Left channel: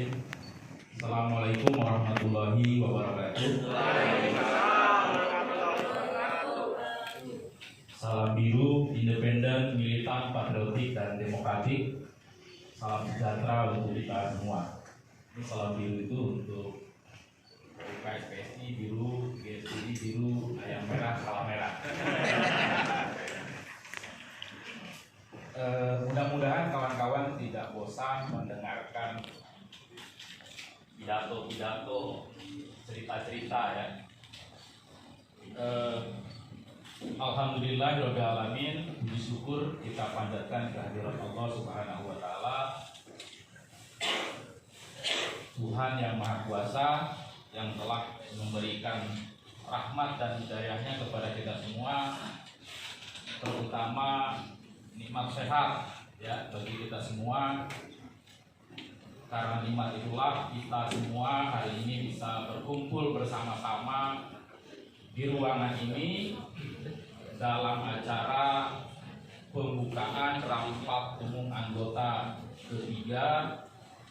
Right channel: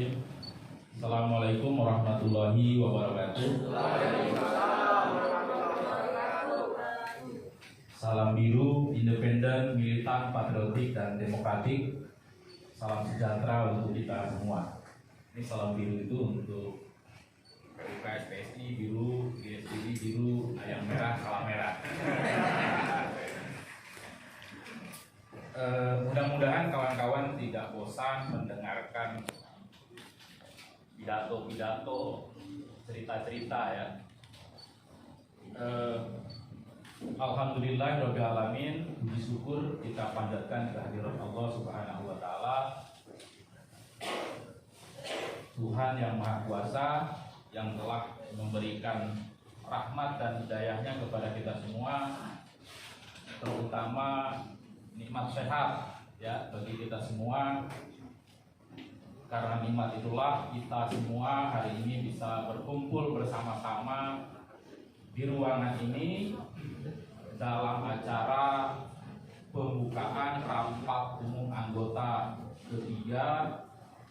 Bismillahirrahmanirrahim. Assalamualaikum warahmatullahi wabarakatuh. Salam biru, independen, militan, patriotik, dan demokratik. Salam sejahtera untuk kita semua. Ini salam biru itu untuk KSPSI biru, GSPI biru, ayam merah, salam merah. Mudah-mudahan kawan-kawan tidak bosan mendengarkan pidato-pidato, cerita-cerita ya. Alhamdulillahirabbil alamin, puji syukur kita panjatkan kehadirat Allah Subhanahu wa taala. Tuhan yang Maha Kuasa yang telah memberikan rahmat dan hidayahnya kepada kita semua, terutama nikmat sehat ya bagi kita semua. Karena nikmat itulah kita semua hari ini bisa berkumpul bersama-sama di ruangan ini dalam acara pembukaan rapat umum anggota ketiga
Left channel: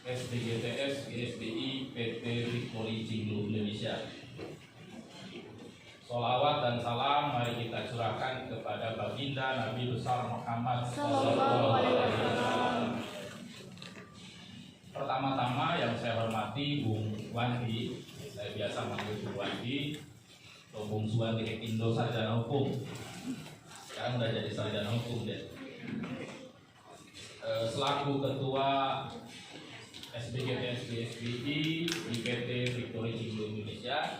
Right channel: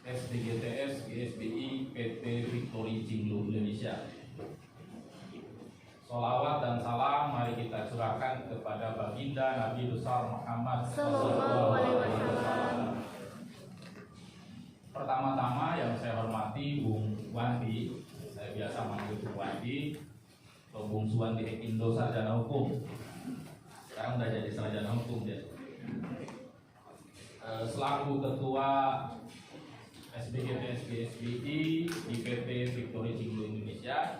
SDGTS GSBI PT Victory Cinglu Indonesia. Sholawat dan salam mari kita curahkan kepada baginda Nabi besar Muhammad sallallahu alaihi wasallam. Pertama-tama yang saya hormati Bung Wandi, saya biasa manggil Bung Wandi atau Bung Suwandi Indo sarjana hukum. Sekarang udah jadi sarjana hukum ya. Selaku ketua SDGTS GSBI di PT Victory Cinglu Indonesia,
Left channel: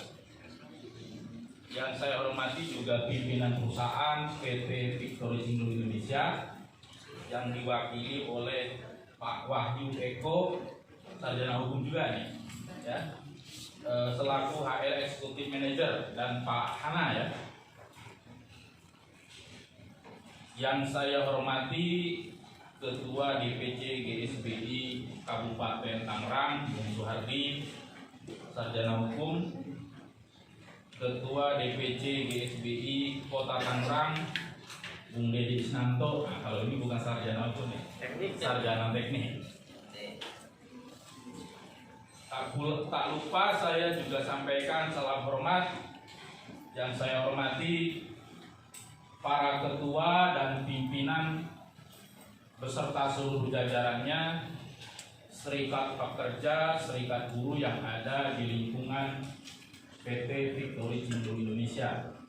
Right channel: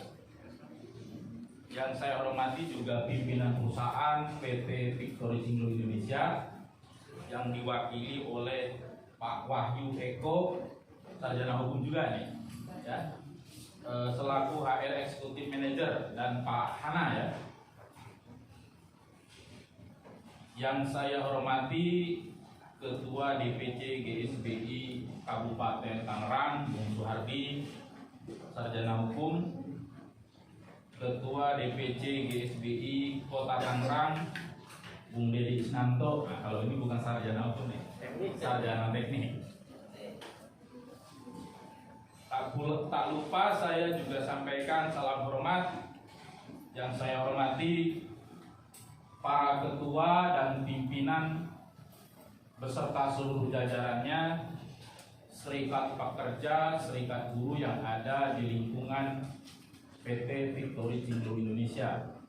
yang saya hormati juga pimpinan perusahaan PT Victory Cinglu Indonesia yang diwakili oleh Pak Wahyu Eko, sarjana hukum juga nih, ya. Selaku HR Executive Manager, dan Pak Hana ya. Yang saya hormati Ketua DPC GSBI Kabupaten Tangerang, Bung Suhardi, sarjana hukum. Ketua DPC GSBI Kota Tangerang, Bung Dedi Isnanto. Nah, kalau ini bukan sarjana hukum nih, sarjana teknik. Tak lupa saya juga sampaikan salam hormat yang saya hormati para ketua dan pimpinan beserta seluruh jajarannya, serikat pekerja, serikat buruh yang ada di lingkungan PT Victory Cinglu Indonesia.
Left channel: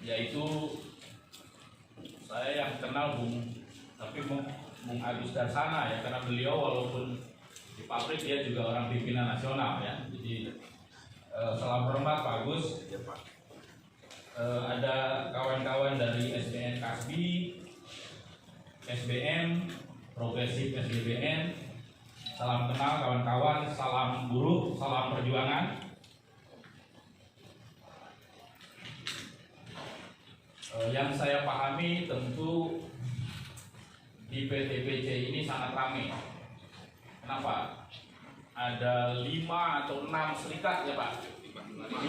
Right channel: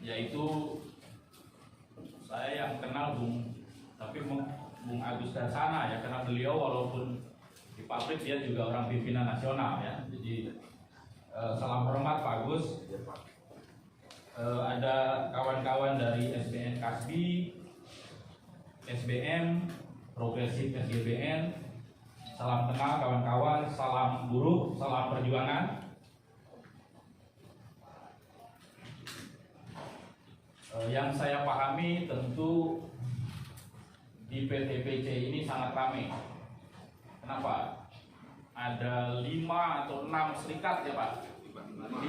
Yaitu saya yang kenal Bung Agus Darsana ya, karena beliau walaupun di pabrik dia juga orang pimpinan nasional ya. Jadi salam hormat Pak Agus. Ada kawan-kawan dari SBN Kasbi, SBM, Progresif SGBN. Salam kenal kawan-kawan, salam buruh, salam perjuangan. Yang saya pahami tentu di PTBC ini sangat ramai. Kenapa? Ada 5 atau 6 serikat ya Pak? 5.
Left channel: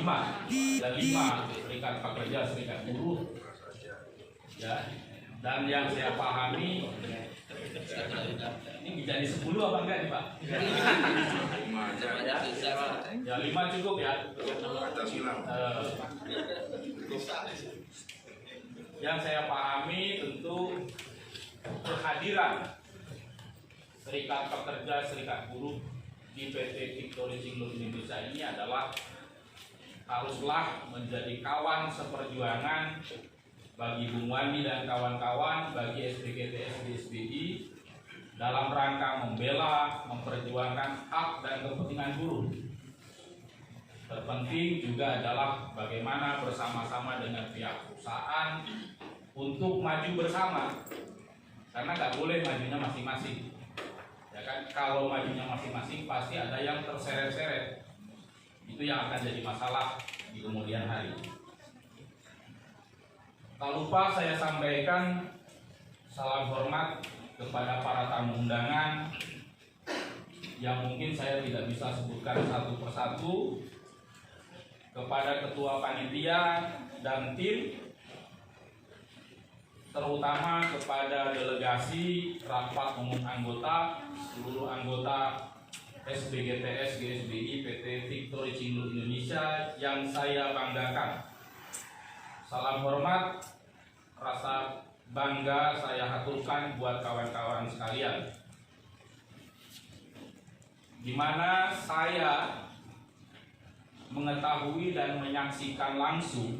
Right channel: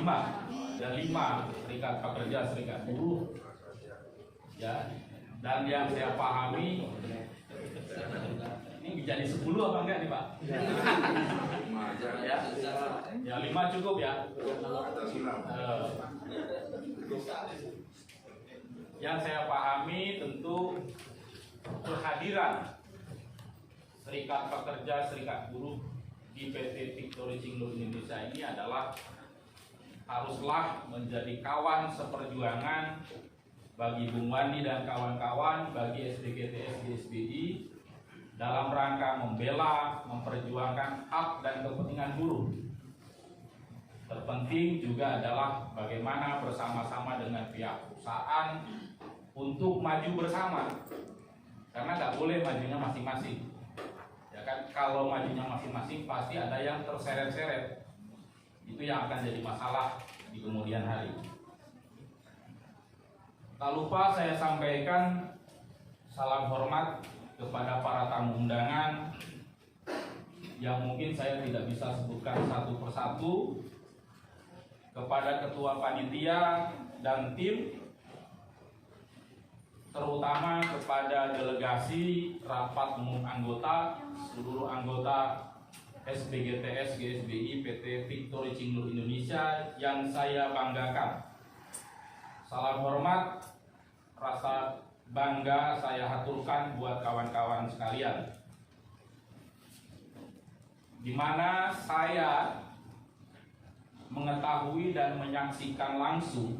Ada 5 serikat pekerja, serikat buruh. Ya. Dan yang saya pahami ini jadi 10 apa enggak nih Pak? Ya 5 cukup ya. Yang saya pahami tentu kehadiran serikat pekerja, serikat buruh di PT Victory Cinglu Indonesia ini adalah haruslah menjadi kawan seperjuangan bagi Bung Wandi dan kawan-kawan, bagi SDGTS GSBI dalam rangka membela, memperjuangkan hak dan kepentingan buruh. Terpenting juga adalah bagaimana bersama-sama dengan pihak perusahaan untuk maju bersama, karena nggak boleh majunya masing-masing. Ya kan, kalau majunya masing-masing pasti ada yang terseret-seret. Itu yang akan jadi masalah di kemudian hari. Tak lupa saya sampaikan salam hormat kepada para tamu undangan yang mungkin saya tidak bisa sebutkan satu persatu, kepada ketua panitia dan tim, terutama kepada delegasi rapat umum anggota, seluruh anggota SBGTS GSBI PT Victory Cinglu Indonesia yang saya banggakan. Salam hormat, rasa bangga saya haturkan buat kawan-kawan sekalian, di mana saya mengetahui dan menyaksikan langsung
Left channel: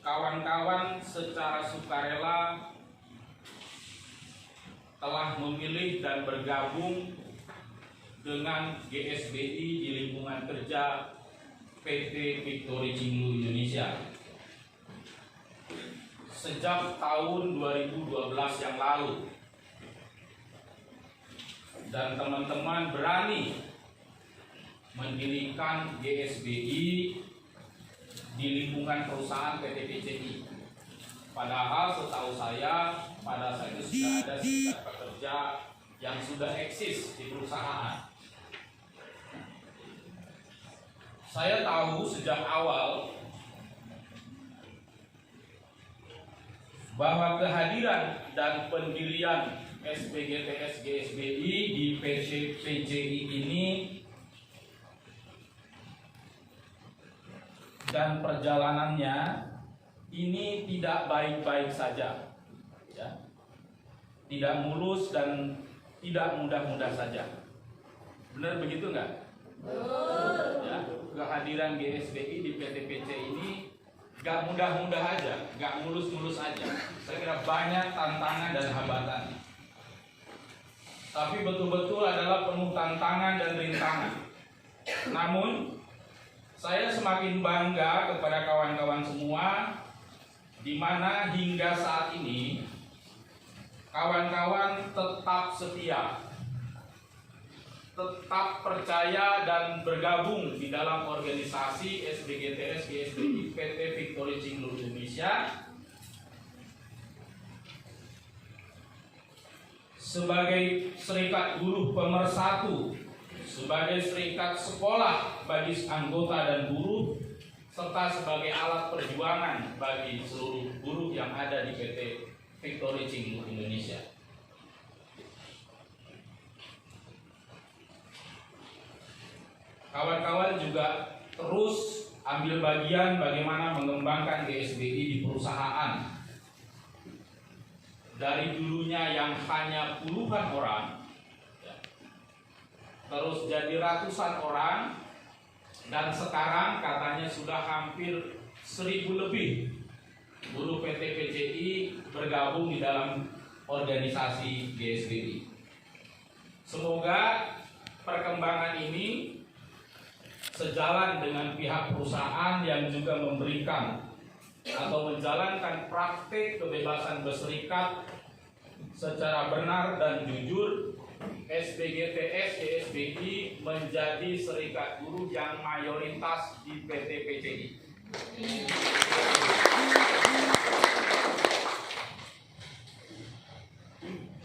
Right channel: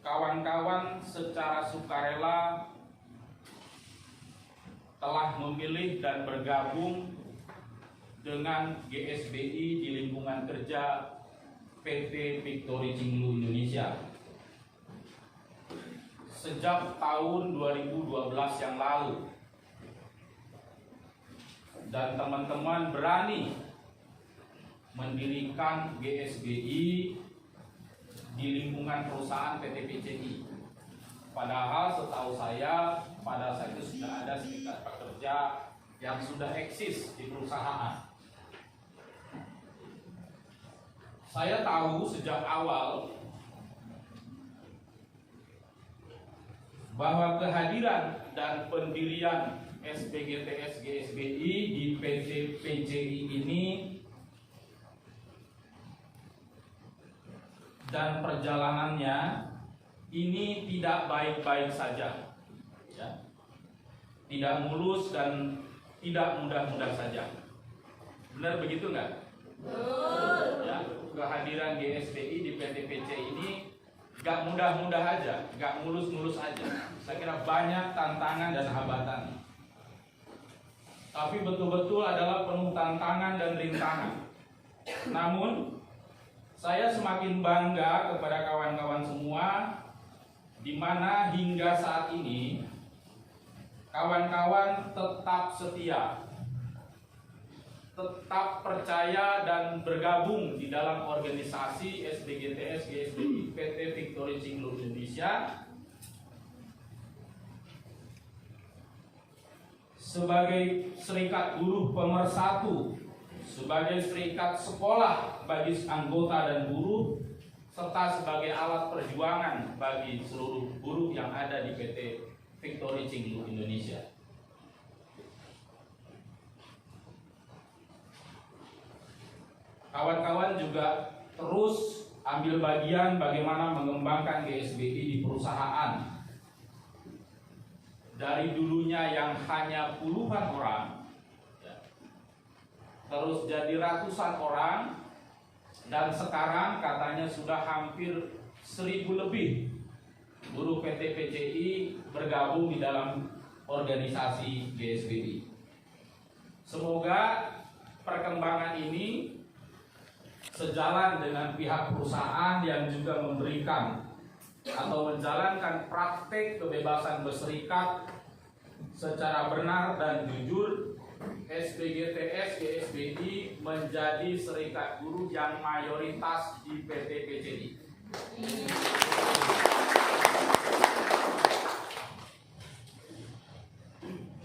kawan-kawan secara sukarela telah memilih dan bergabung dengan GSBI di lingkungan kerja PT Victory Cinglu Indonesia sejak tahun 2012 yang lalu, dan teman-teman berani mendirikan GSBI di lingkungan perusahaan PT PCI. Padahal setahu saya pada saat itu sudah ada serikat pekerja yang sudah eksis di perusahaan. Saya tahu sejak awal bahwa kehadiran dan pendirian SBGTS GSBI di PT PCI ini dan perjalanannya ini tidak baik-baik saja, ya. Tidak mulus dan tidak mudah-mudah saja. Benar begitu nggak? Ya, kehadiran GSBI di PT PCI ini nggak mudah-mudah aja, nggak mulus-mulus aja. Saya kira banyak tantangan dan hambatan. Tapi betul-betul adalah penuh tantangan dan rintangan. Namun saya semakin bangga kepada kawan-kawan semua, di mana hingga saat ini kawan-kawan tetap setia, tetap percaya dan bergabung di dalam organisasi SBGTS GSBI PT Victory Cinglu Indonesia sebagai serikat buruh pemersatu, sebagai serikat sekolah bagi anggota dan buruh, serta sebagai alat perjuangan bagi seluruh buruh yang ada di PT Victory Cinglu Indonesia. Kawan-kawan juga terus ambil bagian bagaimana mengembangkan GSBI di perusahaan. Dari dulunya yang hanya puluhan orang, terus jadi ratusan orang, dan sekarang katanya sudah hampir 1000 lebih buruh PT PCI bergabung di dalam organisasi GSBI. Semoga perkembangan ini sejalan dengan pihak perusahaan yang juga memberikan atau menjalankan praktik kebebasan berserikat secara benar dan jujur. SBGTS GSBI menjadi serikat buruh yang mayoritas di PT PCI.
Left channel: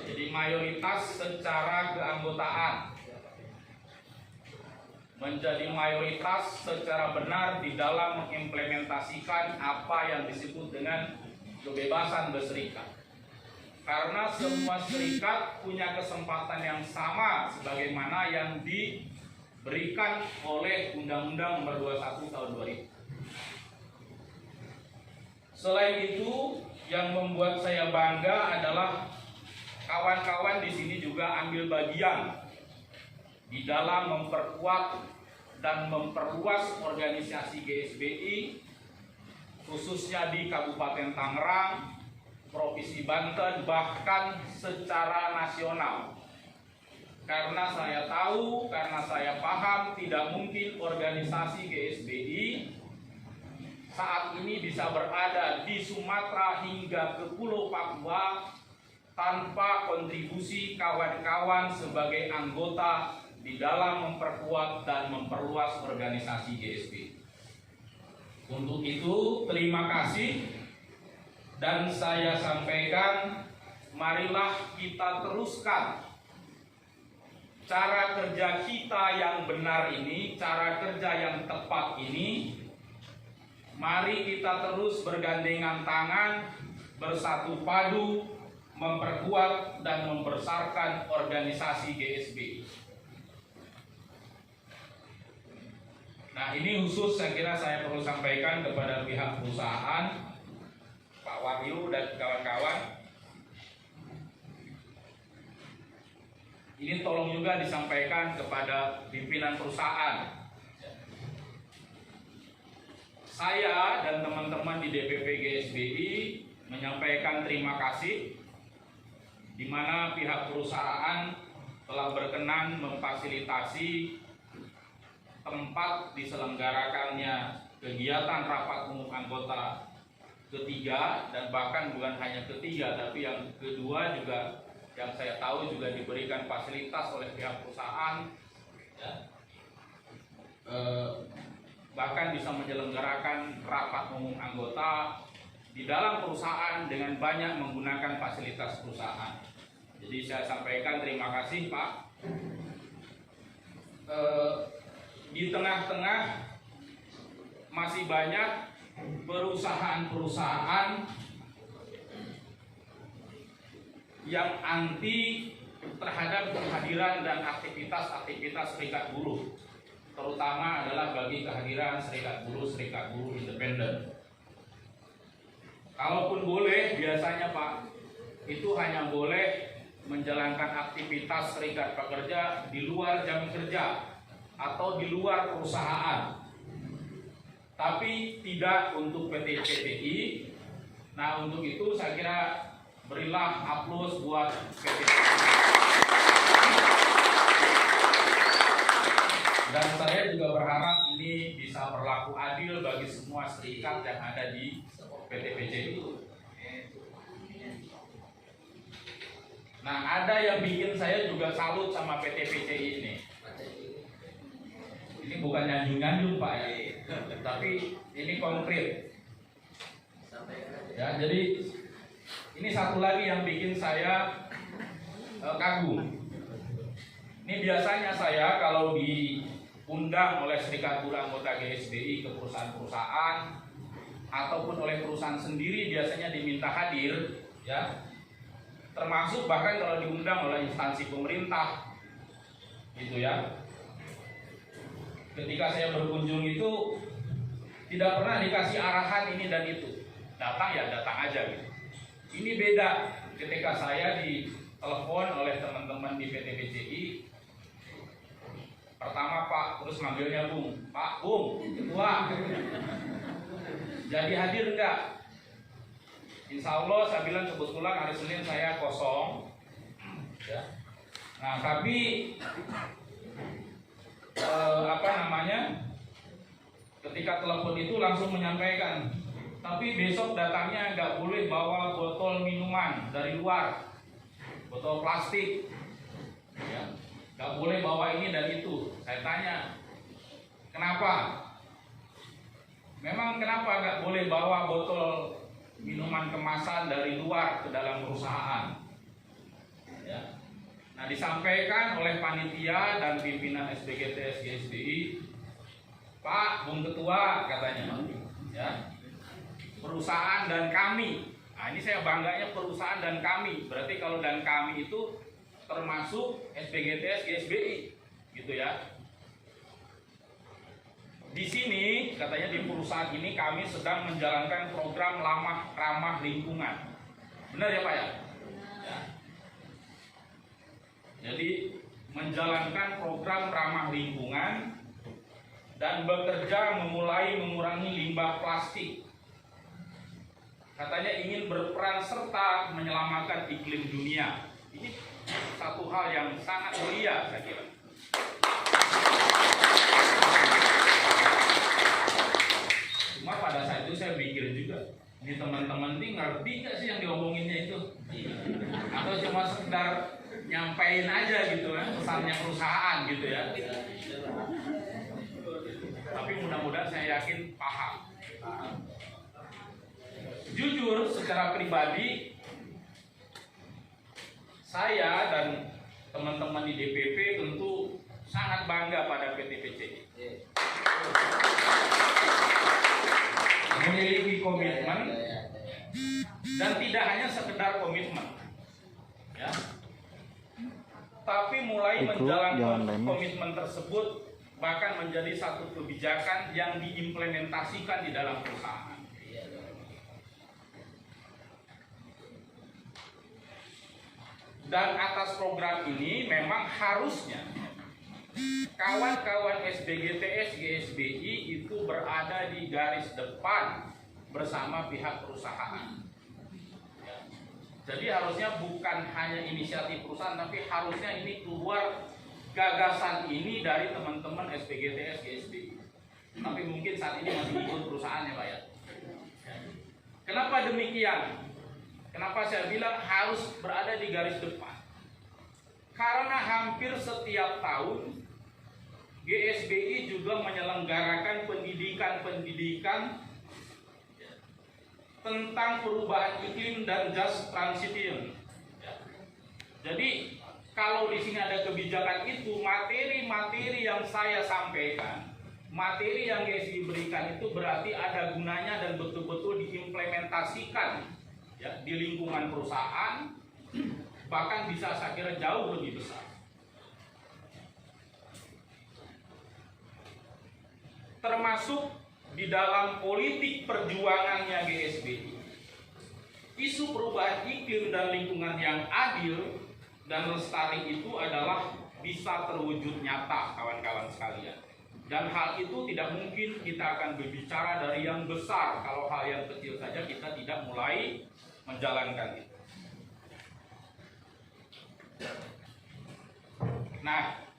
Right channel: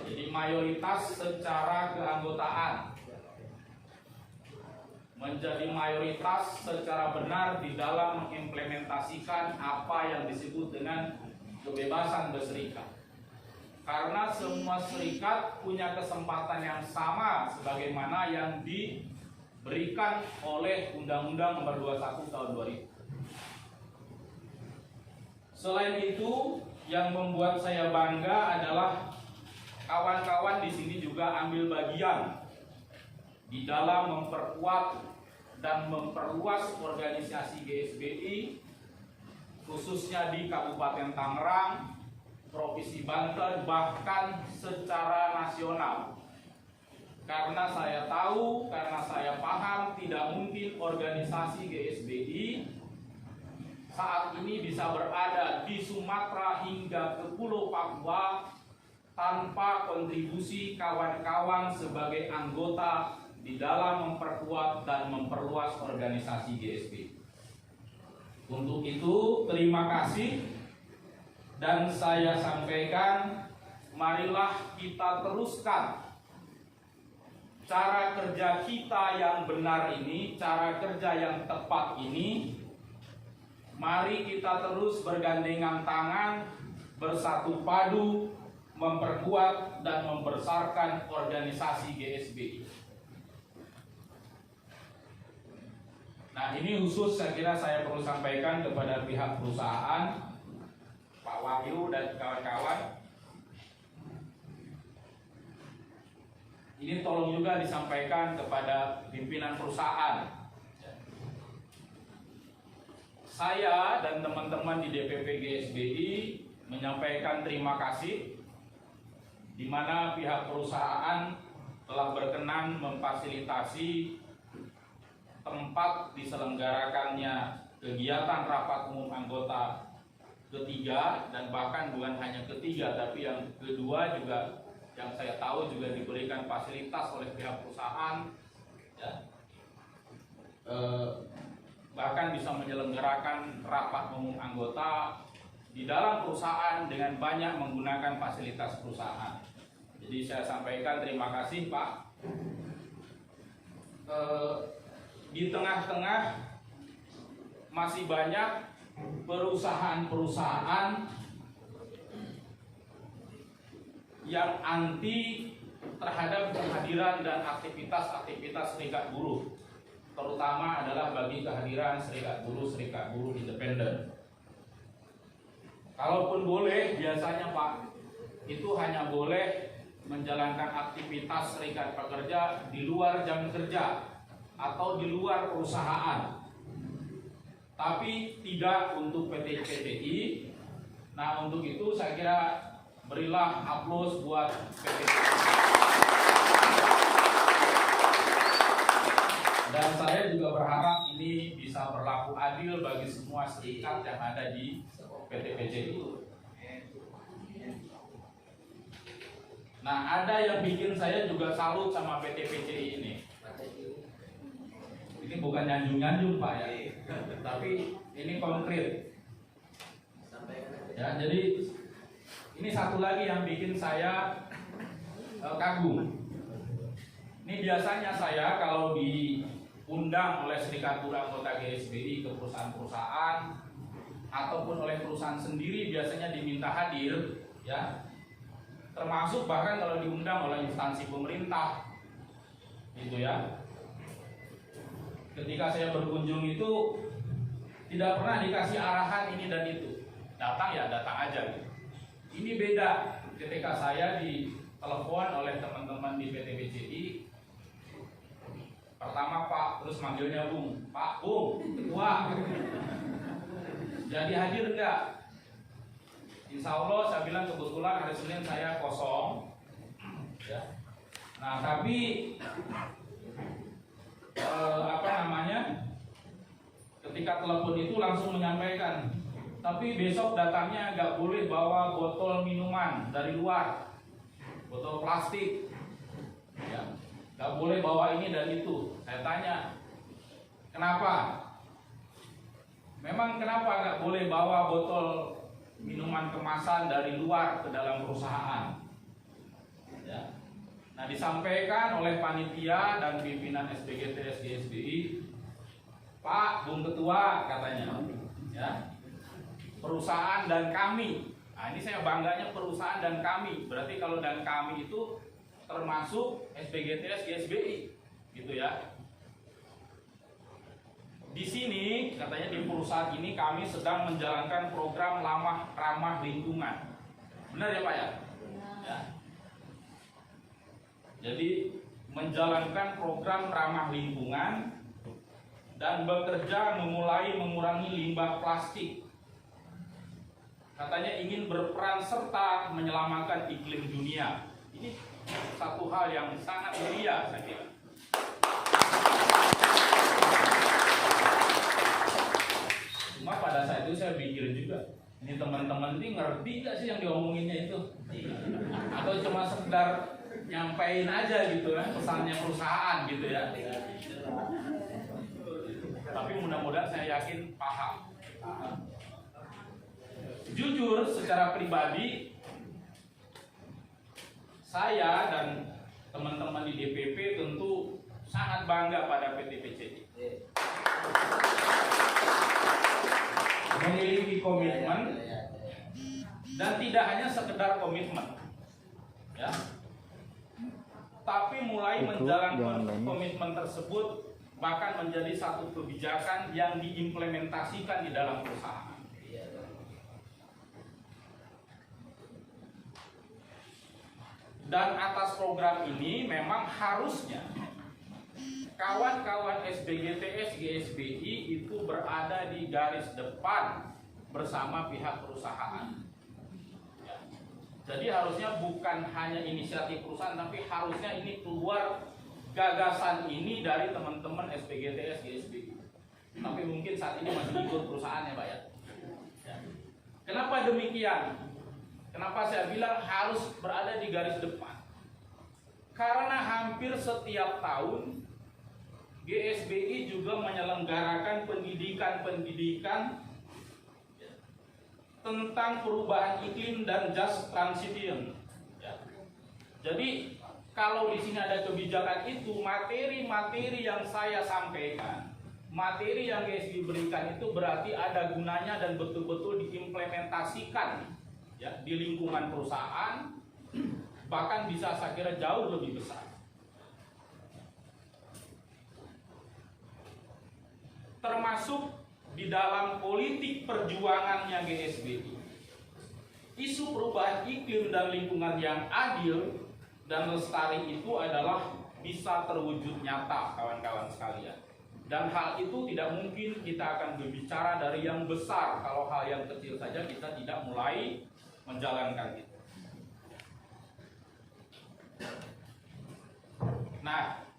Jadi mayoritas secara keanggotaan, menjadi mayoritas secara benar di dalam mengimplementasikan apa yang disebut dengan kebebasan berserikat. Karena semua serikat punya kesempatan yang sama sebagaimana yang diberikan oleh Undang-Undang Nomor 21 Tahun 2000. Selain itu, yang membuat saya bangga adalah kawan-kawan di sini juga ambil bagian di dalam memperkuat dan memperluas organisasi GSBI, khususnya di Kabupaten Tangerang, Provinsi Banten, bahkan secara nasional. Karena saya tahu, karena saya paham, tidak mungkin organisasi GSBI saat ini bisa berada di Sumatera hingga ke Pulau Papua tanpa kontribusi kawan-kawan sebagai anggota di dalam memperkuat dan memperluas organisasi GSBI. Untuk itu, terima kasih. Dan saya sampaikan, marilah kita teruskan cara kerja kita yang benar ini, cara kerja yang tepat ini, Mari kita terus bergandengan tangan, bersatu padu, memperkuat dan membesarkan organisasi GSBI. Nah, ini khusus saya kira saya perlu sampaikan kepada pihak perusahaan, Pak Wahyu dan kawan-kawan. Ini tolong juga disampaikan kepada pimpinan perusahaan. Saya dan teman-teman di DPP GSBI menyampaikan terima kasih di mana pihak perusahaan telah berkenan memfasilitasi tempat diselenggarakannya kegiatan rapat umum anggota ketiga, dan bahkan bukan hanya ketiga tapi yang kedua juga yang saya tahu juga diberikan fasilitas oleh pihak perusahaan, ya. Bahkan bisa menyelenggarakan rapat umum anggota di dalam perusahaan dengan banyak menggunakan fasilitas perusahaan. Jadi saya sampaikan terima kasih, Pak. Di tengah-tengah masih banyak perusahaan-perusahaan yang anti terhadap kehadiran dan aktivitas-aktivitas serikat buruh, terutama adalah bagi kehadiran serikat buruh independen. Kalaupun boleh, biasanya Pak, itu hanya boleh menjalankan aktivitas serikat pekerja di luar jam kerja atau di luar perusahaan, tapi tidak untuk PT-PTI. Nah, untuk itu saya kira berilah aplaus buat PT-PTI. Dan saya juga berharap ini bisa berlaku adil bagi semua serikat yang ada di PT-PTI. Nah, ada yang bikin saya juga salut sama PT-PTI ini. Ini bukan nyanjung-nyanjung Pak ya, tapi ini konkret. Ya, jadi ini satu lagi yang bikin saya kagum. Ini biasanya saya kalau diundang oleh serikat buruh anggota GSBI ke perusahaan-perusahaan ataupun oleh perusahaan sendiri biasanya diminta hadir, ya. Termasuk bahkan kalau diundang oleh instansi pemerintah, gitu ya. Ketika saya berkunjung itu tidak pernah dikasih arahan ini dan itu, datang ya datang aja gitu. Ini beda ketika saya ditelepon oleh teman-teman di PT-PCI. Pertama Pak, terus manggilnya Bung, Pak Bung, ketua. Jadi hadir enggak? Insya Allah saya bilang kebetulan hari Senin saya kosong, ya. Nah tapi ketika telepon itu langsung menyampaikan, tapi besok datangnya nggak boleh bawa botol minuman dari luar, botol plastik, ya. Nggak boleh bawa ini dan itu. Saya tanya, kenapa? Memang kenapa nggak boleh bawa botol minuman kemasan dari luar ke dalam perusahaan? Ya. Nah, disampaikan oleh panitia dan pimpinan SBGTS GSBI, Pak, Bung Ketua katanya, ya, perusahaan dan kami. Nah, ini saya bangganya perusahaan dan kami. Berarti kalau dan kami itu termasuk SBGTS GSBI, gitu ya. Di sini katanya di perusahaan ini kami sedang menjalankan program ramah lingkungan. Benar ya Pak ya? Ya. Jadi menjalankan program ramah lingkungan dan bekerja memulai mengurangi limbah plastik. Katanya ingin berperan serta menyelamatkan iklim dunia. Ini satu hal yang sangat mulia saya kira. Cuma pada saat itu saya pikir juga, ini teman-teman ini ngerti gak sih yang diomonginnya itu? Atau cuma sekedar nyampein aja gitu kan, pesannya perusahaan gitu ya. Tapi mudah-mudahan saya yakin paham. Jujur secara pribadi, saya dan teman-teman di DPP tentu sangat bangga pada PT PCI. Memiliki komitmen dan tidak hanya sekedar komitmen, ya, tapi mulai menjalankan komitmen tersebut bahkan menjadi satu kebijakan yang diimplementasikan di dalam perusahaan. Dan atas program ini memang harusnya kawan-kawan SBGTS GSBI itu berada di garis depan bersama pihak perusahaan. Jadi harusnya bukan hanya inisiatif perusahaan, tapi harusnya ini keluar gagasan ini dari teman-teman SBGTS GSBI. Tapi mungkin saat ini masih ikut perusahaan ya Pak ya. Kenapa demikian? Kenapa saya bilang harus berada di garis depan? Karena hampir setiap tahun GSBI juga menyelenggarakan pendidikan-pendidikan tentang perubahan iklim dan just transition. Jadi kalau di sini ada kebijakan itu, materi-materi yang saya sampaikan, materi yang GSBI berikan itu berarti ada gunanya dan betul-betul diimplementasikan, ya, di lingkungan perusahaan, bahkan bisa saya kira jauh lebih besar. Termasuk di dalam politik perjuangannya GSBI, isu perubahan iklim dan lingkungan yang adil dan lestari itu adalah bisa terwujud nyata, kawan-kawan sekalian. Dan hal itu tidak mungkin kita akan berbicara dari yang besar kalau hal yang kecil saja kita tidak mulai menjalankan itu. Nah,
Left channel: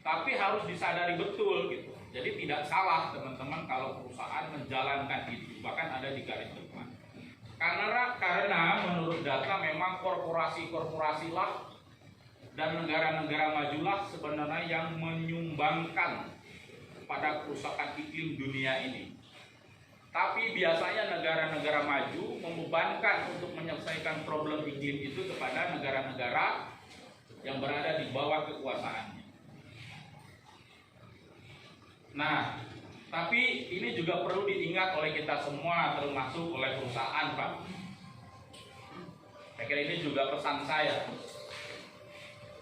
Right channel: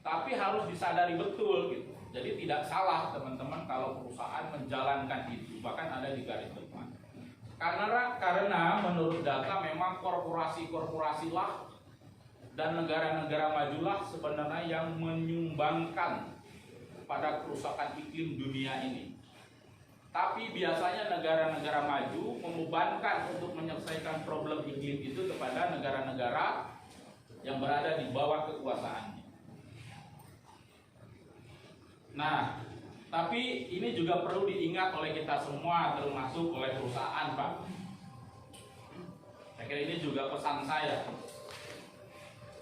tapi harus disadari betul gitu. Jadi tidak salah teman-teman kalau perusahaan menjalankan itu, bahkan ada di garis depan. Karena menurut data memang korporasi-korporasi lah dan negara-negara majulah sebenarnya yang menyumbangkan pada kerusakan iklim dunia ini. Tapi biasanya negara-negara maju membebankan untuk menyelesaikan problem iklim itu kepada negara-negara yang berada di bawah kekuasaannya. Nah, tapi ini juga perlu diingat oleh kita semua, termasuk oleh perusahaan, Pak. Saya kira ini juga pesan saya.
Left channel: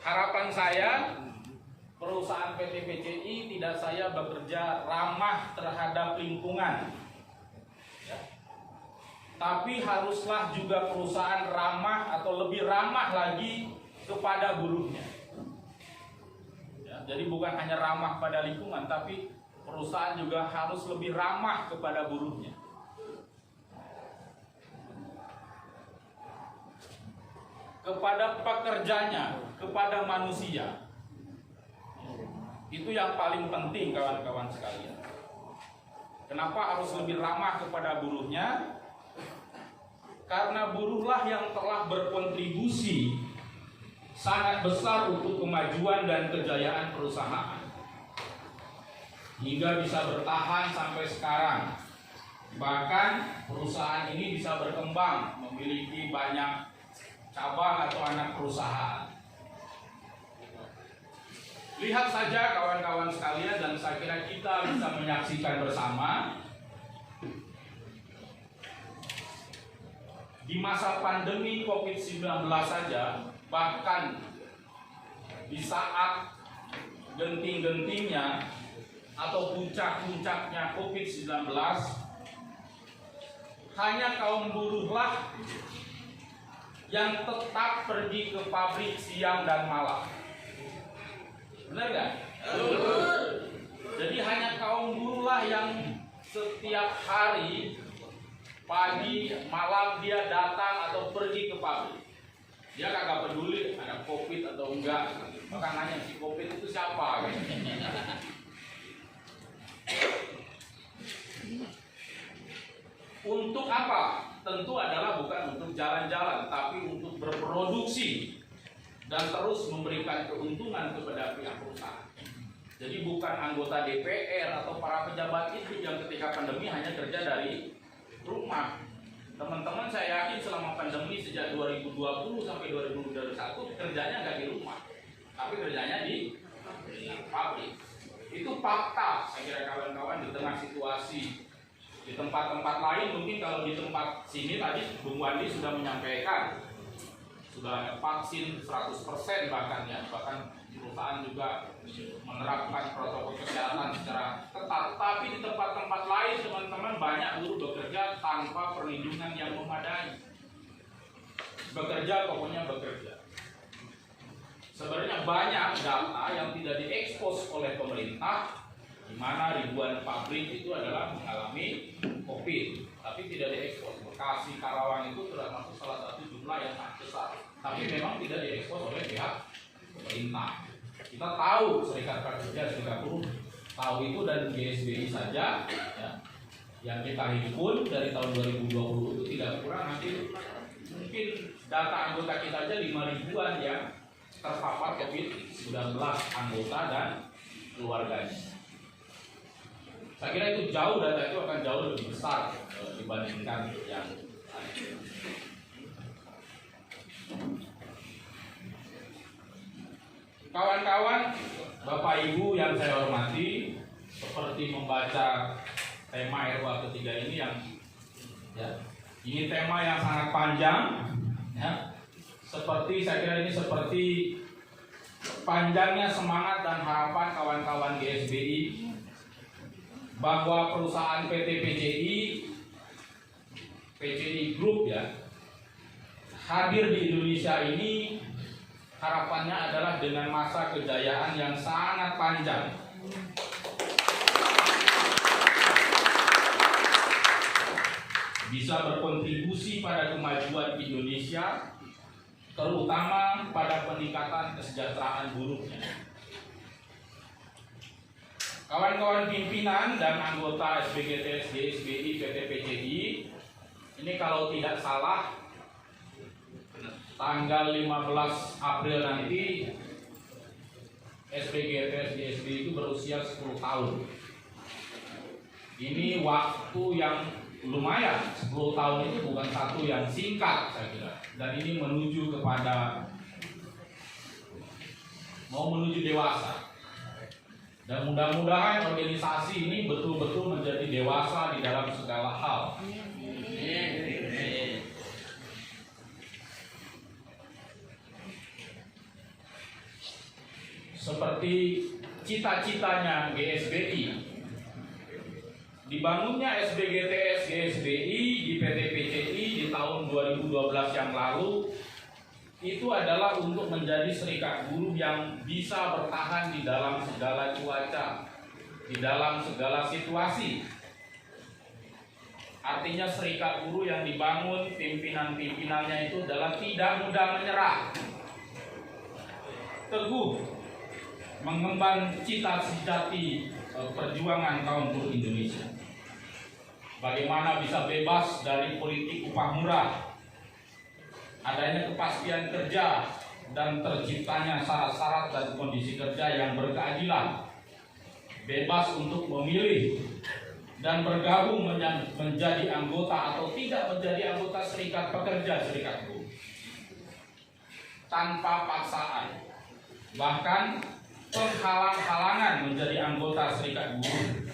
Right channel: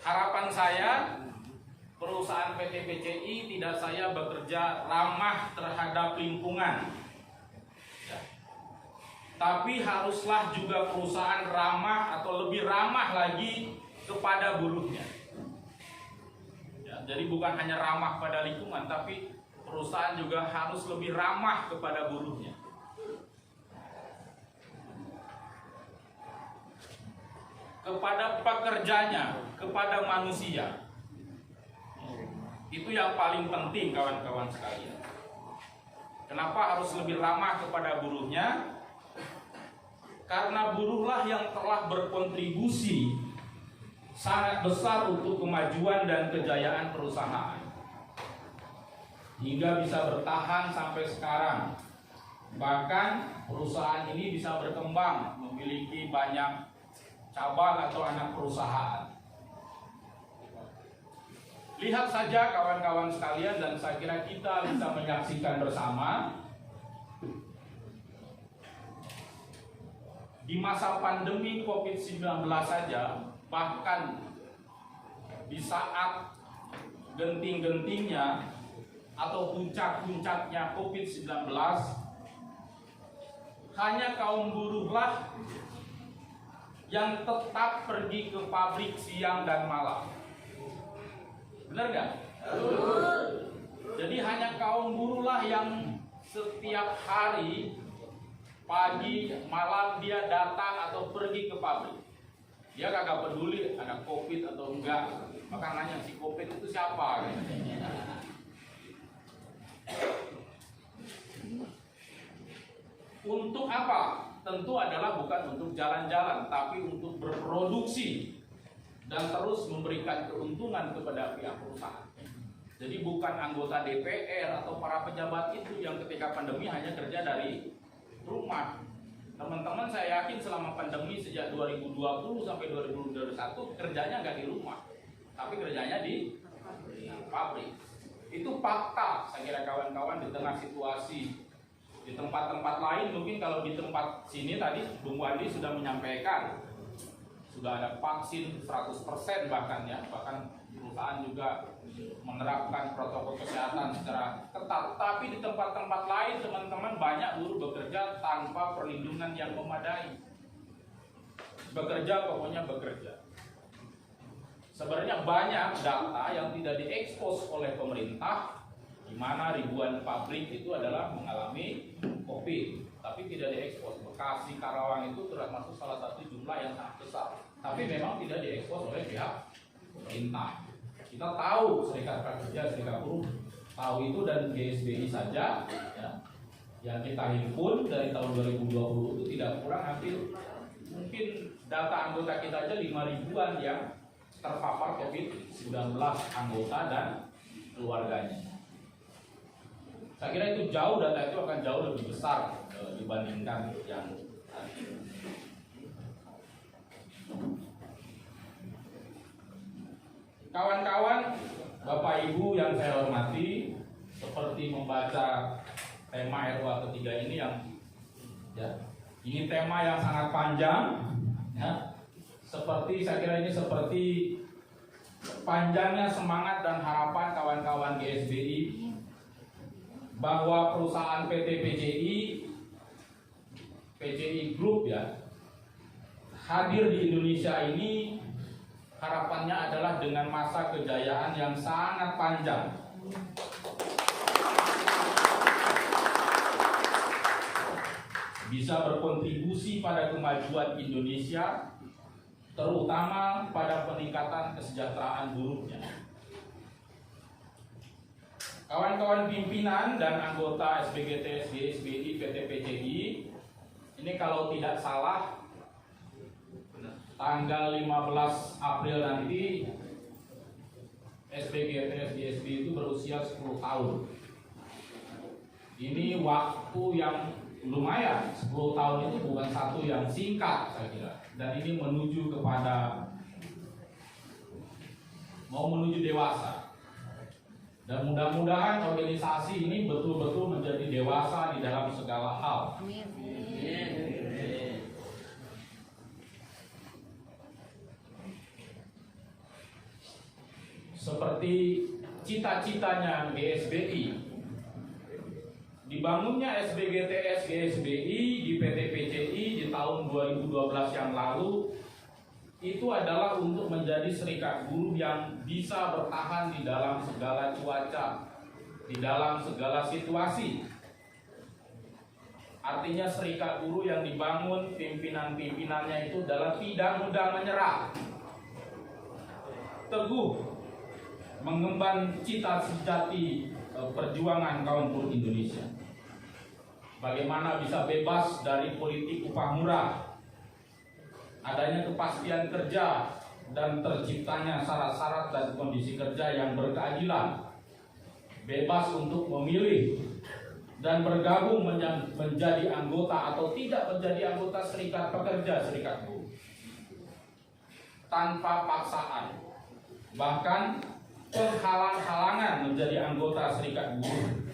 Harapan saya, perusahaan PT PCI tidak saya bekerja ramah terhadap lingkungan, ya. Tapi haruslah juga perusahaan ramah atau lebih ramah lagi kepada buruhnya. Ya, jadi bukan hanya ramah pada lingkungan, tapi perusahaan juga harus lebih ramah kepada buruhnya. Kepada pekerjanya, kepada manusia. Itu yang paling penting, kawan-kawan sekalian. Kenapa harus lebih ramah kepada buruhnya? Karena buruhlah yang telah berkontribusi sangat besar untuk kemajuan dan kejayaan perusahaan, hingga bisa bertahan sampai sekarang. Bahkan perusahaan ini bisa berkembang, memiliki banyak cabang atau anak perusahaan. Lihat saja kawan-kawan sekalian, dan saya kira kita bisa menyaksikan bersama di masa pandemi COVID-19 saja, bahkan di saat genting-gentingnya atau puncak-puncaknya COVID-19, hanya kaum buruhlah yang tetap pergi ke pabrik siang dan malam. Benar nggak? Jadi hanya kaum buruhlah yang setiap hari pagi malam dia datang atau pergi ke pabrik. Dia kagak peduli ada COVID atau enggak. Maka nanya si COVID itu siapa? Untuk apa? Tentu adalah bukan untuk jalan-jalan, tapi untuk berproduksi dan terus memberikan keuntungan kepada pihak perusahaan. Jadi bukan anggota DPR atau para pejabat itu yang ketika pandemi hanya kerja dari rumah. Teman-teman, saya yakin selama pandemi sejak 2020 sampai 2021 kerjanya nggak di rumah, tapi kerjanya di pabrik. Itu fakta, saya kira kawan-kawan, di tengah situasi di tempat-tempat lain. Mungkin kalau di tempat sini tadi Bung Wandi sudah menyampaikan sudah ada vaksin 100% bahkan ya, bahkan perusahaan juga menerapkan protokol kesehatan secara ketat. Tapi di tempat-tempat lain teman-teman banyak buruh bekerja tanpa perlindungan yang memadai. Bekerja pokoknya bekerja. Sebenarnya banyak data yang tidak diekspos oleh pemerintah, di mana ribuan pabrik itu adalah mengalami COVID, tapi tidak diekspos. Bekasi, Karawang itu termasuk salah satu jumlah yang sangat besar, tapi memang tidak diekspos oleh pihak pemerintah. Kita tahu Serikat Pekerja, Serikat Buruh tahu itu, dan GSBI saja ya, yang kita himpun dari tahun 2020 itu tidak kurang hampir mungkin data anggota kita aja 5.000-an yang terpapar COVID-19, anggota dan keluarganya. Saya kira itu jauh, data itu akan jauh lebih besar dibandingkan yang tadi. Kawan-kawan, Bapak Ibu yang saya hormati, seperti membaca tema RUA ketiga ini yang ya, ini tema yang sangat panjang ya. Seperti saya kira ini seperti panjangnya semangat dan harapan kawan-kawan GSBI bahwa perusahaan PT PCI Group ya hadir di Indonesia ini, harapannya adalah dengan masa kejayaan yang sangat panjang. Bisa berkontribusi pada kemajuan Indonesia, terutama pada peningkatan kesejahteraan buruhnya. Kawan-kawan pimpinan dan anggota SBGTS, GSBI, PT PCI, ini kalau tidak salah tanggal 15 April nanti SBGTS, GSBI itu berusia 10 tahun. Ini waktu yang lumayan, 10 tahun itu bukan satu yang singkat saya kira. Dan ini menuju kepada mau menuju dewasa. Dan mudah-mudahan organisasi ini betul-betul menjadi dewasa di dalam segala hal. Seperti cita-citanya GSBI, dibangunnya SBGTS GSBI di PT PCI di tahun 2012 yang lalu itu adalah untuk menjadi serikat buruh yang bisa bertahan di dalam segala cuaca, di dalam segala situasi. Artinya serikat buruh yang dibangun pimpinan-pimpinannya itu adalah tidak mudah menyerah, teguh mengemban cita-cita perjuangan kaum buruh Indonesia. Bagaimana bisa bebas dari politik upah murah, adanya kepastian kerja, dan terciptanya syarat-syarat dan kondisi kerja yang berkeadilan, bebas untuk memilih dan bergabung menjadi anggota atau tidak menjadi anggota serikat pekerja, serikat buruh, tanpa paksaan, bahkan penghalang-halangan menjadi anggota serikat buruh.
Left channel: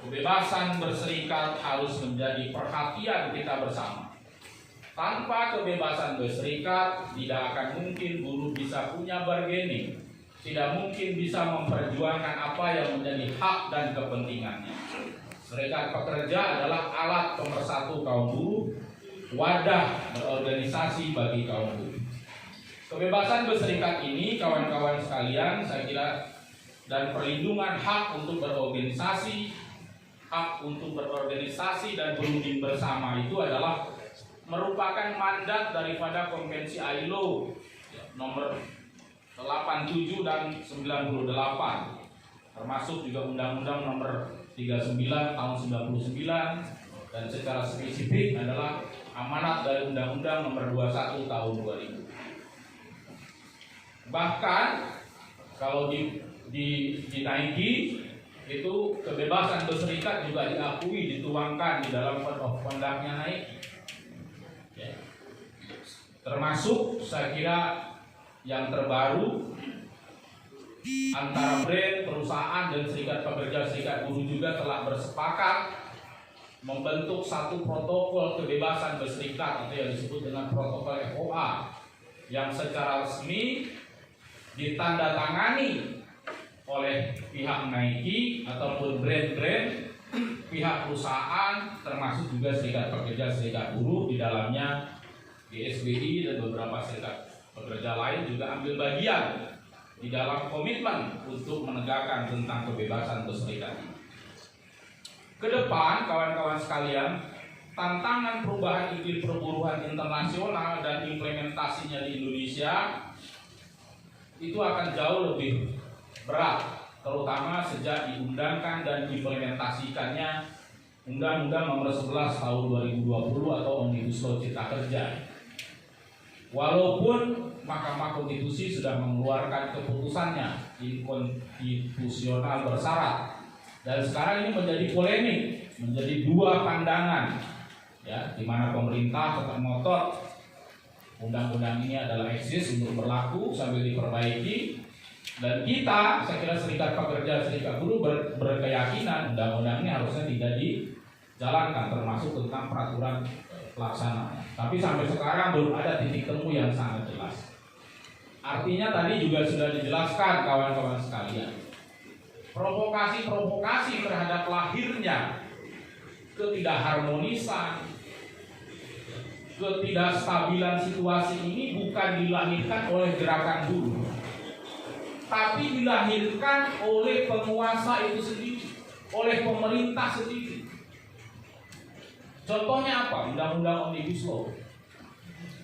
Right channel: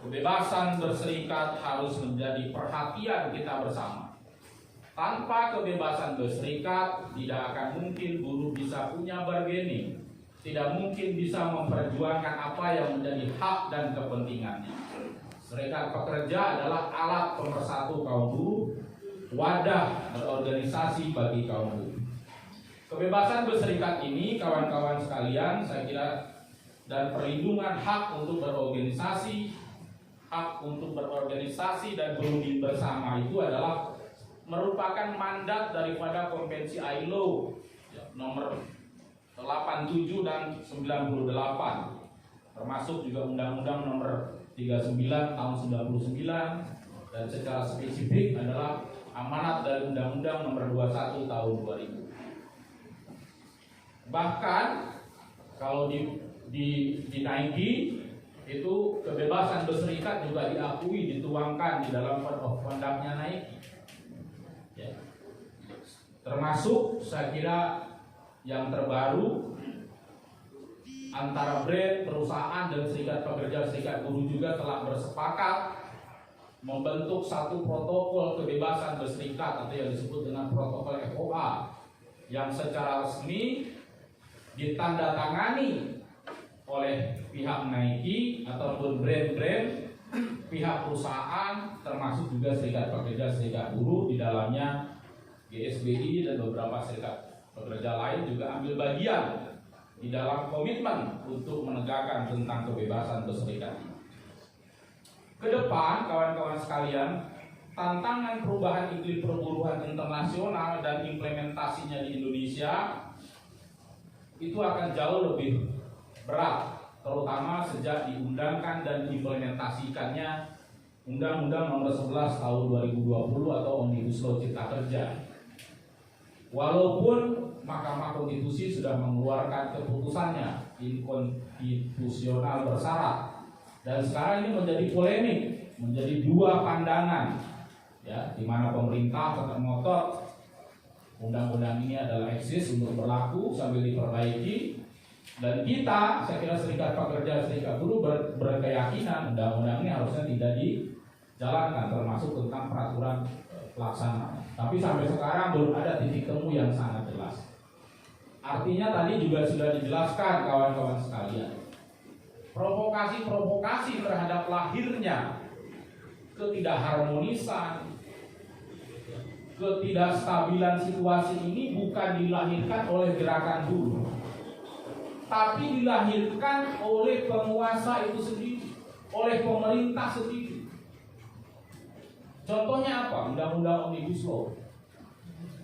Kebebasan berserikat harus menjadi perhatian kita bersama. Tanpa kebebasan berserikat, tidak akan mungkin buruh bisa punya bargaining, tidak mungkin bisa memperjuangkan apa yang menjadi hak dan kepentingannya. Serikat pekerja adalah alat pemersatu kaum buruh, wadah berorganisasi bagi kaum buruh. Kebebasan berserikat ini, kawan-kawan sekalian, saya kira, dan perlindungan hak untuk berorganisasi, dan berunding bersama itu adalah merupakan mandat daripada Konvensi ILO nomor 87 dan 98, termasuk juga Undang-Undang nomor 39 tahun 99, dan secara spesifik adalah amanat dari Undang-Undang nomor 21 tahun 2000. Bahkan kalau dinaiki itu kebebasan berserikat juga diakui, dituangkan di dalam Code of Conduct-nya naik. Ya. Termasuk saya kira yang terbaru antara brand, perusahaan dan serikat pekerja serikat buruh juga telah bersepakat membentuk satu protokol kebebasan berserikat atau yang disebut dengan protokol FOA yang secara resmi ditandatangani oleh pihak Nike ataupun brand-brand, pihak perusahaan, termasuk juga serikat pekerja serikat buruh di dalamnya GSBI dan beberapa serikat pekerja lain juga ambil bagian di dalam komitmen untuk menegakkan tentang kebebasan berserikat. Ke depan, kawan-kawan sekalian, tantangan perubahan iklim perburuhan internasional dan implementasinya di Indonesia itu akan jauh lebih berat, terutama sejak diundangkan dan diimplementasikannya Undang-Undang Nomor 11 Tahun 2020 atau Omnibus Law Cipta Kerja. Walaupun Mahkamah Konstitusi sudah mengeluarkan keputusannya inkonstitusional bersyarat, dan sekarang ini menjadi polemik, menjadi dua pandangan, ya, di mana pemerintah tetap ngotot undang-undang ini adalah eksis untuk berlaku sambil diperbaiki, dan kita, saya kira serikat pekerja serikat buruh berkeyakinan undang-undang ini harusnya tidak dijalankan, termasuk tentang peraturan pelaksanaan. Tapi sampai sekarang belum ada titik temu yang sangat jelas. Artinya tadi juga sudah dijelaskan kawan-kawan sekalian, provokasi-provokasi terhadap lahirnya ketidakharmonisan, ketidakstabilan situasi ini bukan dilahirkan oleh gerakan buruh, tapi dilahirkan oleh penguasa itu sendiri, oleh pemerintah sendiri. Contohnya apa? Undang-undang Omnibus Law.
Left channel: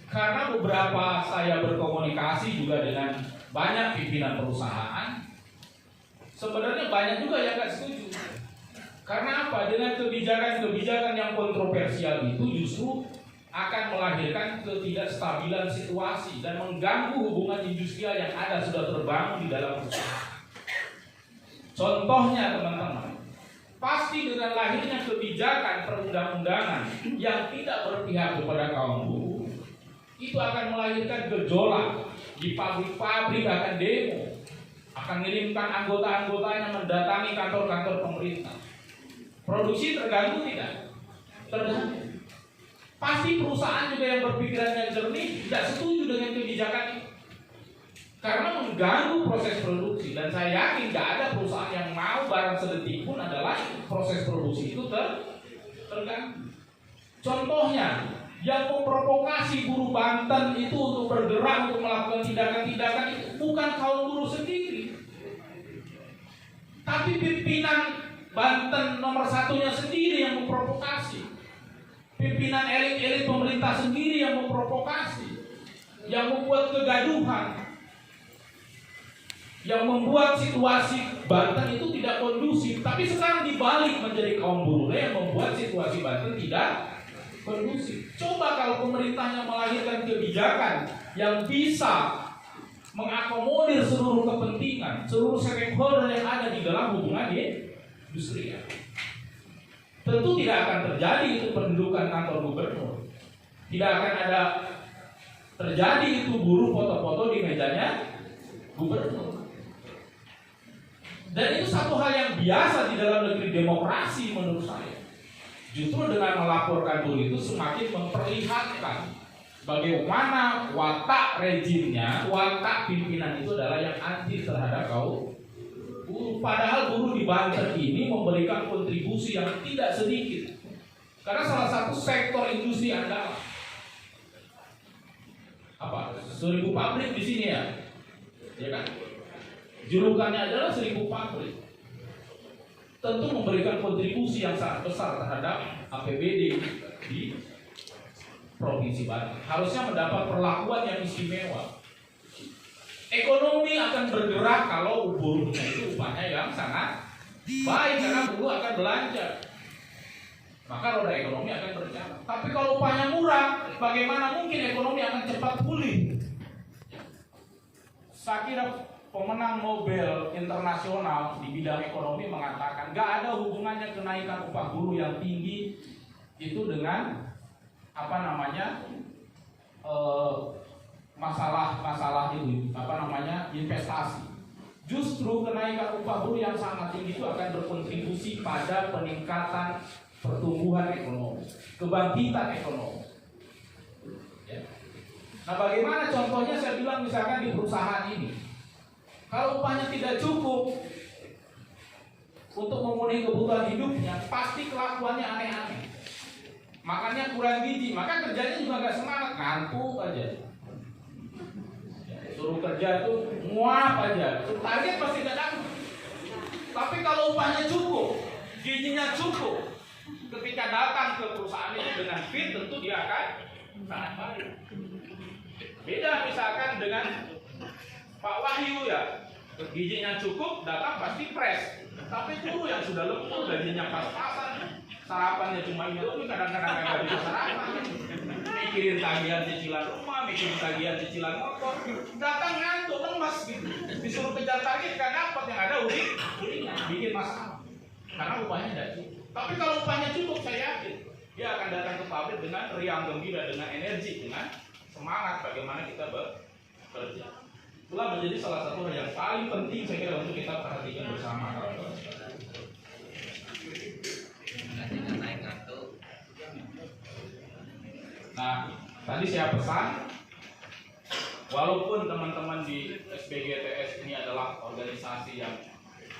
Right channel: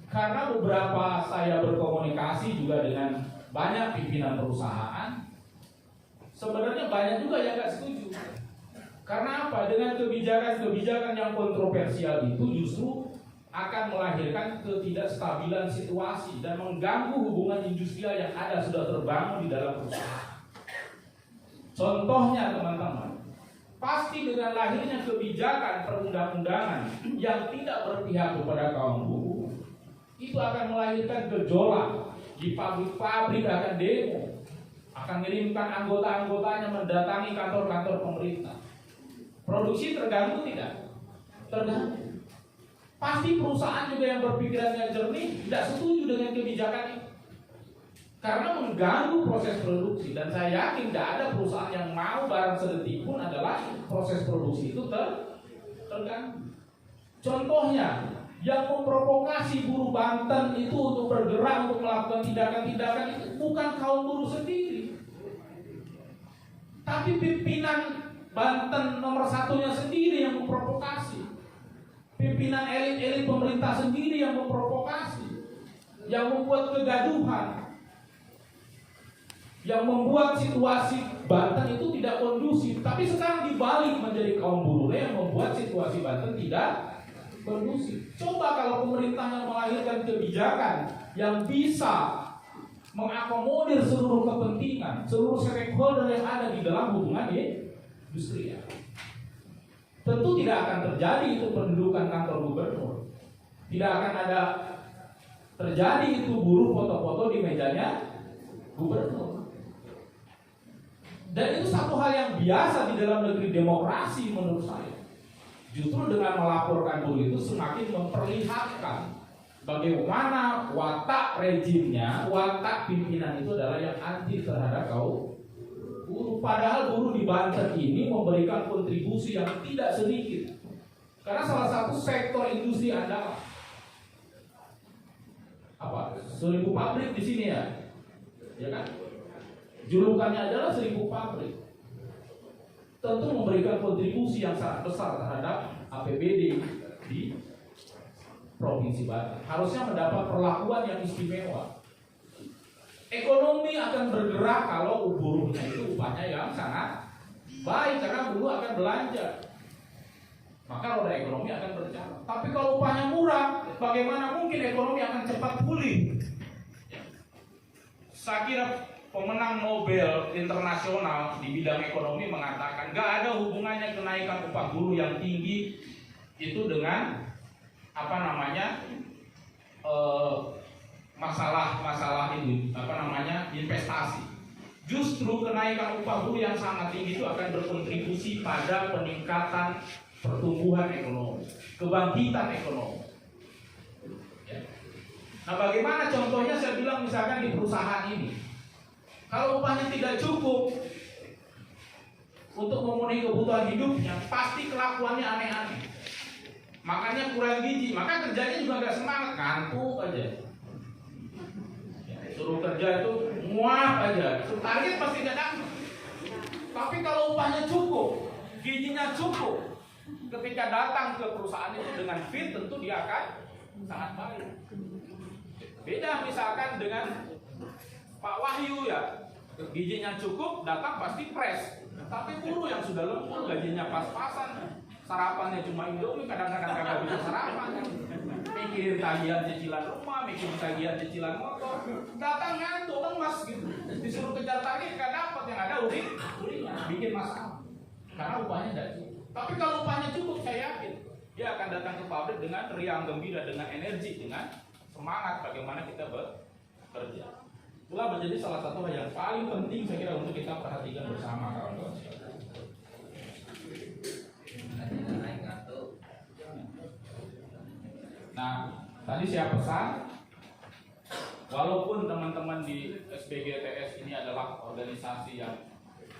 Karena beberapa saya berkomunikasi juga dengan banyak pimpinan perusahaan, sebenarnya banyak juga yang nggak setuju. Karena apa? Dengan kebijakan-kebijakan yang kontroversial itu justru akan melahirkan ketidakstabilan situasi dan mengganggu hubungan industrial yang ada sudah terbangun di dalam perusahaan. Contohnya teman-teman, pasti dengan lahirnya kebijakan perundang-undangan yang tidak berpihak kepada kaum buruh, itu akan melahirkan gejolak di pabrik-pabrik, akan demo, akan mengirimkan anggota-anggotanya mendatangi kantor-kantor pemerintah. Produksi terganggu tidak? Terganggu. Pasti perusahaan juga yang berpikirannya jernih tidak setuju dengan kebijakan ini, karena mengganggu proses produksi. Dan saya yakin tidak ada perusahaan yang mau barang sedetik pun adalah proses produksi itu terganggu. Contohnya, yang memprovokasi buruh Banten itu untuk bergerak untuk melakukan tindakan-tindakan itu bukan kaum buruh sendiri, tapi pimpinan Banten nomor satunya sendiri yang memprovokasi. Pimpinan elit-elit pemerintah sendiri yang memprovokasi, yang membuat kegaduhan, yang membuat situasi Banten itu tidak kondusif. Tapi sekarang dibalik menjadi kaum buruh yang membuat situasi Banten tidak kondusif. Coba kalau pemerintahnya melahirkan kebijakan yang bisa mengakomodir seluruh kepentingan, seluruh stakeholder yang ada di dalam hubungan industrial, tentu tidak akan terjadi itu pendudukan kantor gubernur. Tidak akan ada terjadi itu buruh foto-foto di mejanya gubernur. Dan itu satu hal yang biasa di dalam negeri demokrasi menurut saya. Justru dengan melaporkan buruh itu semakin memperlihatkan bagaimana watak rejimnya, watak pimpinan itu adalah yang anti terhadap kaum buruh. Padahal buruh di Banten ini memberikan kontribusi yang tidak sedikit, karena salah satu sektor industri andalan apa? 1000 pabrik di sini ya kan? Julukannya adalah 1000 pabrik. Tentu memberikan kontribusi yang sangat besar terhadap APBD di Provinsi Banten. Harusnya mendapat perlakuan yang istimewa. Ekonomi akan bergerak kalau buruhnya itu upahnya yang sangat baik, karena buruh akan belanja, maka roda ekonomi akan berjalan. Tapi kalau upahnya murah, bagaimana mungkin ekonomi akan cepat pulih? Saya kira pemenang Nobel internasional di bidang ekonomi mengatakan nggak ada hubungannya kenaikan upah buruh yang tinggi itu dengan masalah ini investasi. Justru kenaikan upah buruh yang sangat tinggi itu akan berkontribusi pada peningkatan pertumbuhan ekonomi, kebangkitan ekonomi. Ya. Nah, bagaimana contohnya? Saya bilang misalkan di perusahaan ini, kalau upahnya tidak cukup untuk memenuhi kebutuhan hidupnya, pasti kelakuannya aneh-aneh. Makannya kurang gizi, maka kerjanya juga nggak semangat, ngantuk aja. Suruh kerja itu muak aja, target pasti tidak dapat. Tapi kalau upahnya cukup, gizinya cukup, ketika datang ke perusahaan itu dengan fit, tentu dia akan sangat baik. Beda misalkan dengan Pak Wahyu ya, gizinya cukup, datang pasti fresh. Tapi buruh yang sudah lembur, gajinya pas-pasan, sarapannya cuma Indomie, kadang-kadang nggak bisa sarapan. Mikirin tagihan cicilan rumah, mikirin tagihan cicilan motor, datang ngantuk, lemas gitu. Disuruh kejar target nggak dapat, yang ada bikin masalah. Karena upahnya tidak cukup. Tapi kalau upahnya cukup, saya yakin dia akan datang ke pabrik dengan riang gembira, dengan energi, dengan semangat bagaimana kita bekerja. Itulah menjadi salah satu hal yang paling penting saya kira untuk kita perhatikan bersama, kawan-kawan. Nah, tadi saya pesan, walaupun teman-teman di SBGTS ini adalah organisasi yang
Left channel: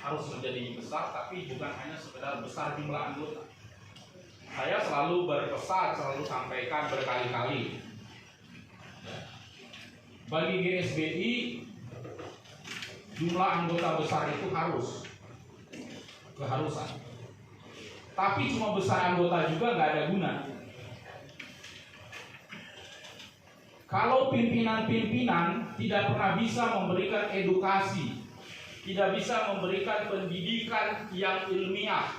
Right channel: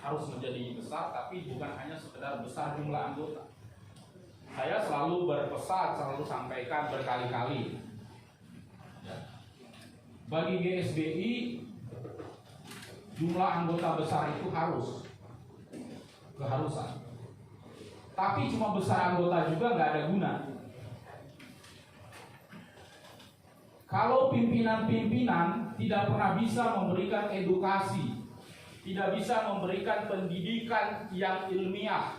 harus menjadi besar, tapi bukan hanya sekedar besar jumlah anggota. Saya selalu berpesan, selalu sampaikan berkali-kali, bagi GSBI jumlah anggota besar itu keharusan. Tapi cuma besar anggota juga nggak ada guna. Kalau pimpinan-pimpinan tidak pernah bisa memberikan edukasi, tidak bisa memberikan pendidikan yang ilmiah,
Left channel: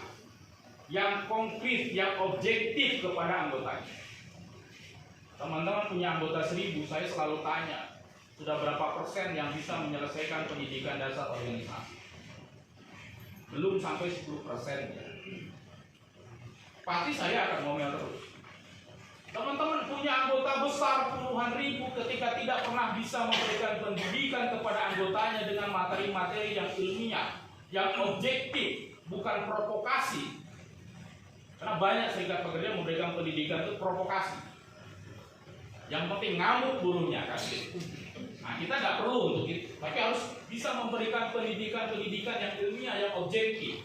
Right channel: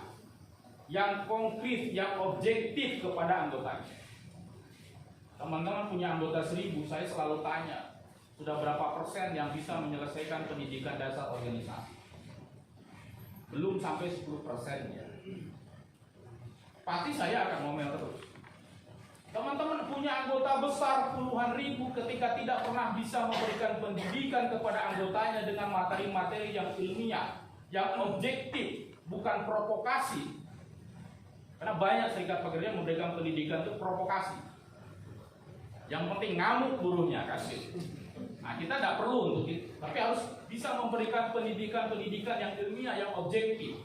yang konkret, yang objektif kepada anggotanya. Teman-teman punya anggota 1000, saya selalu tanya, sudah berapa persen yang bisa menyelesaikan pendidikan dasar organisasi? Belum sampai 10%. Pasti saya akan ngomel terus. Teman-teman punya anggota besar puluhan ribu, ketika tidak pernah bisa memberikan pendidikan kepada anggotanya dengan materi-materi yang ilmiah, yang objektif, bukan provokasi. Karena banyak serikat pekerja memberikan pendidikan itu provokasi. Yang penting ngamuk buruhnya kan. Nah, kita tidak perlu untuk itu, tapi harus bisa memberikan pendidikan-pendidikan yang ilmiah, yang objektif.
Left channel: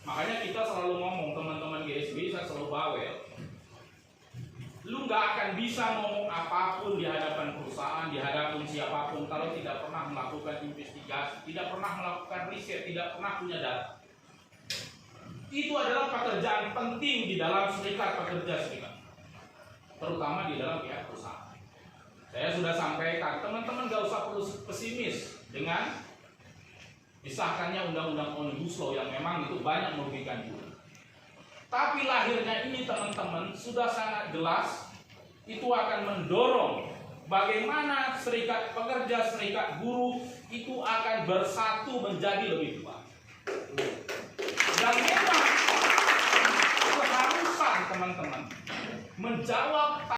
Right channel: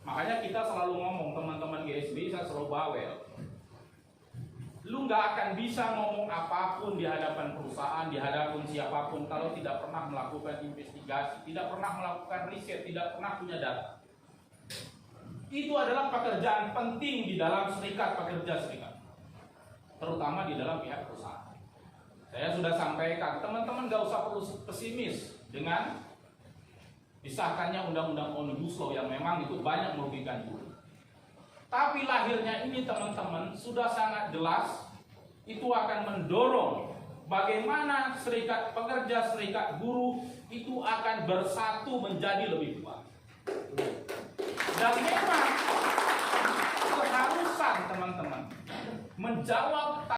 Makanya kita selalu ngomong, teman-teman GSBI, saya selalu bawel. Lu nggak akan bisa ngomong apapun di hadapan perusahaan, di hadapan siapapun, kalau tidak pernah melakukan investigasi, tidak pernah melakukan riset, tidak pernah punya data. Itu adalah pekerjaan penting di dalam serikat pekerja, terutama di dalam pihak perusahaan. Saya sudah sampaikan, teman-teman nggak usah perlu pesimis dengan disahkannya undang-undang Omnibus Law yang memang itu banyak merugikan buruh. Tapi lahirnya ini, teman-teman, sudah sangat jelas, itu akan mendorong bagaimana serikat pekerja, serikat buruh itu akan bersatu menjadi lebih kuat. Dan memang keharusan, teman-teman, menjawab